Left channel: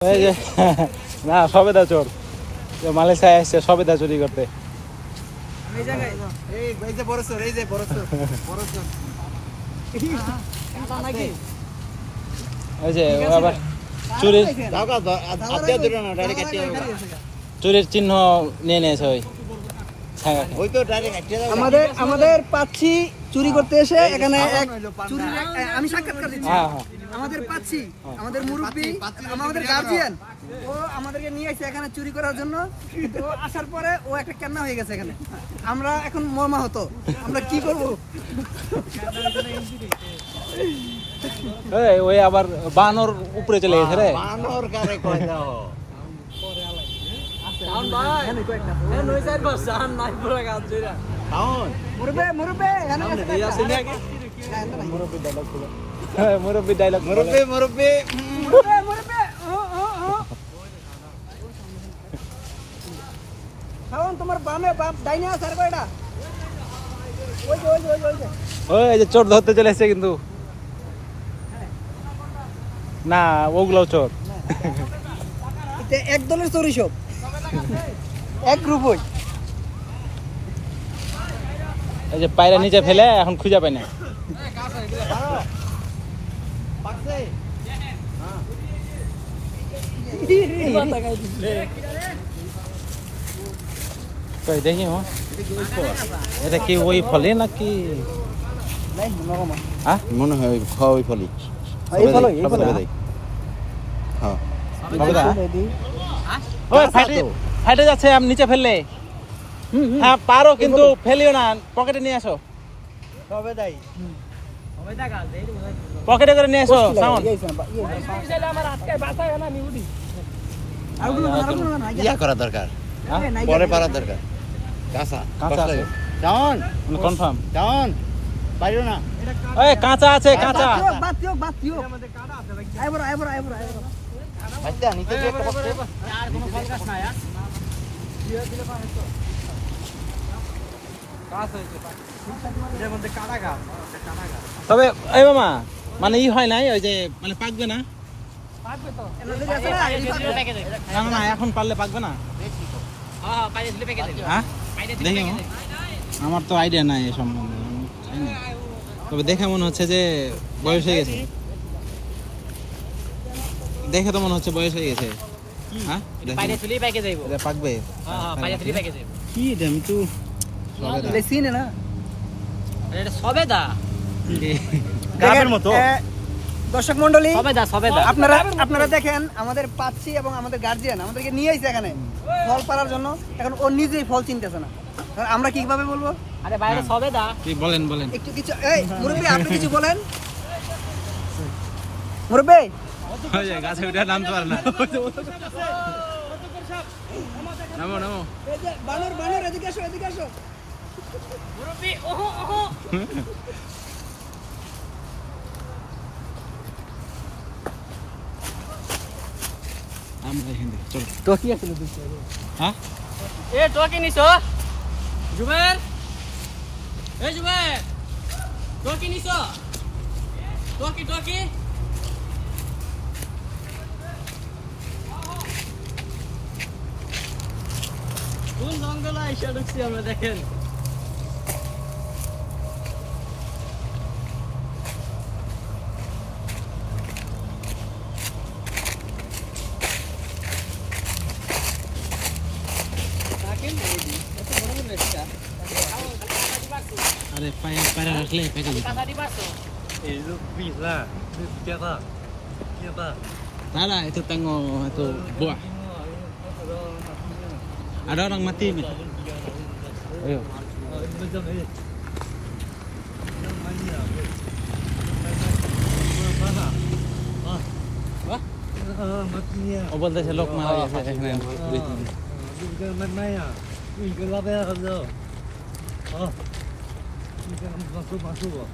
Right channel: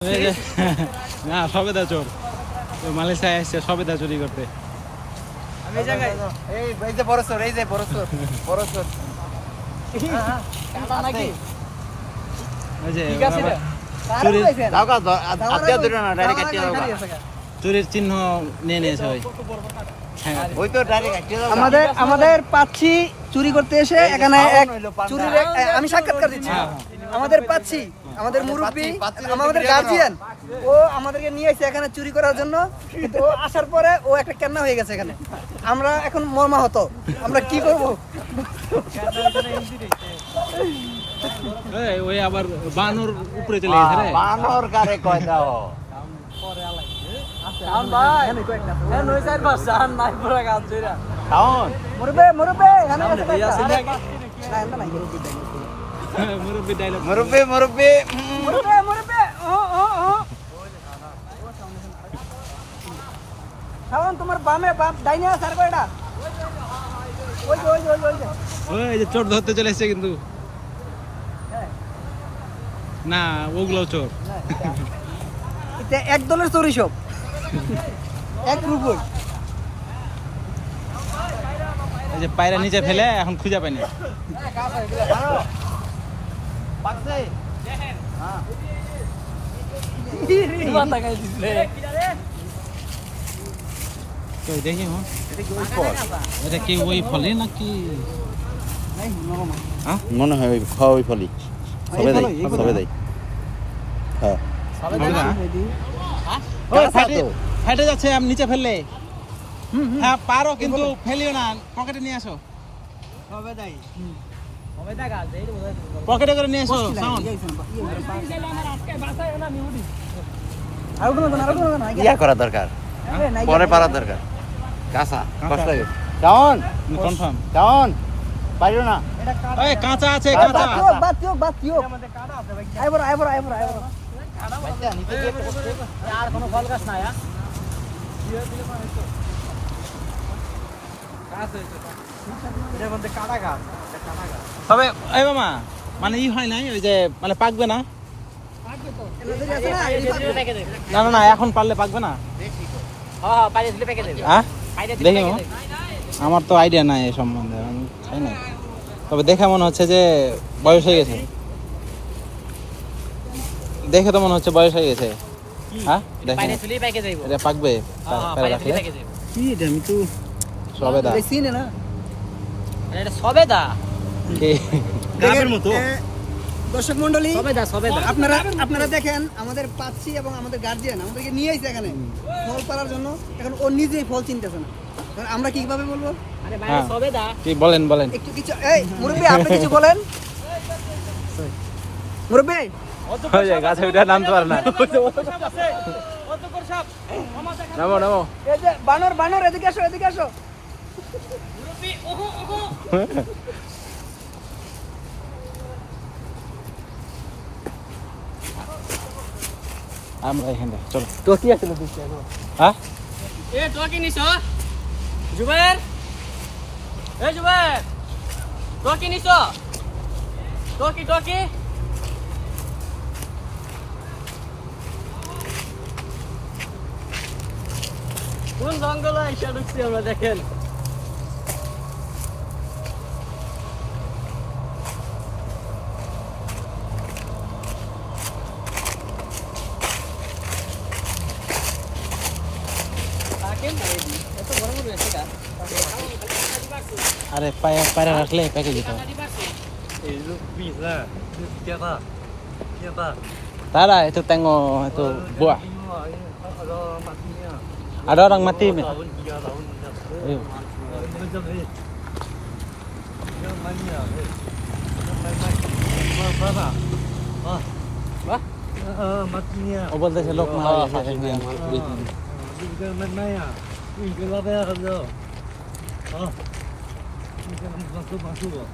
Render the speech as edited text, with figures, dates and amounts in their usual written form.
না সবেদা চোর মালয়েশিয়া এসছে সবেদা চুরি করতে। চুরির চিহ্ন নিয়ে নিয়েছে ওই আমাদের পাচ্ছি চুরি করতে এসে এখানে আমি সাক্ষাৎকার দিচ্ছি। আমাদের পাচ্ছি আমাদের মুরব্বী আমাদের গার্জিয়ান ও আমাদেরকে নিয়ে এসে এখানে চুরি করার জন্য। ও আসার পরে ও একটা কেন্না হয়ে গেছে এখানে। আমরা এখন মর্মাহত, আমরা কি করব? ওই আবার বানর উপরে চলে গেছে রে। বানর কারে কয় দাও মুরব্বী ডায়লগ তোমার বামে বাপ ডাইনা স্যার কয়টা? ওই যে চোর ধরতে চলে এসছে কিন্তু না ওগুলো চোর এক দলের চুরি সব এক গ্রুপই। এই যে পায়রা নিচে ফেলে এখন খুঁজে পায়নি। দেখি এটা কি ওই ফলে নাকি? মনে হয় ওই ফলি ফাটে যাচ্ছে আমি নিচে ফেললে। হ্যাঁ পারো কিন্তু ফেলিও না, পকেটে নিয়ে আসো, পকেটে করে নিয়ে আসো। ইয়া করা দরকার, পরে পারা দরকার। কাঁচা কেমন কনফার্ম কেমন পারিও না। এই কাঁচা আছে, কাঁচা তবে এই মামা মানে ই হয় নাই, ওই যে মানে পাকবে না। না না এখন পারলে পাকবে না। দেখি আমার তো আইডিয়া নাই এই সম্বন্ধে, তবে দেখে মনে হচ্ছে যে বয়স হয়ে গেছে। দেখে তো মনে হচ্ছে বয়স হয়ে গেছে। হ্যাঁ এটা পাকবে কি আমি তো সবেদা গাবের মতো। দর্শক মন্ডলী আপনারা দেখেন আমাদের পাচ্ছি এবং আমাদের গার্জিয়ান আমাদেরকে নিয়ে এসেছে এখানে ফল পাড়ার জন্য। এখন ও নিজেই ফল চিনতেছে না, আমরা কিভাবে বলবো? কি বলেন একটু কিছু মুরব্বী আপনি কিছু বলেন। মুরব্বী গাছে উঠে নামতে পারে না। নামো এই যে বানর এদিকে আসো। আমরা এখানে চলো। টকি আসলে হ্যাঁ টকি নিছো জুবাইর? জুবাইর টকি নিছো? টকি কোন জঙ্গলে এসে ঢুকছি আমরা, দেখেন। আরে পায়রা রাখলে প্যাকে দিতে Tara, itu tengok itu buah. Ada orang mati. Ayo. matinya. Oh, boleh selok malah ya. Mana ya? Ini kenapa ya kamu? Ini kan masuk.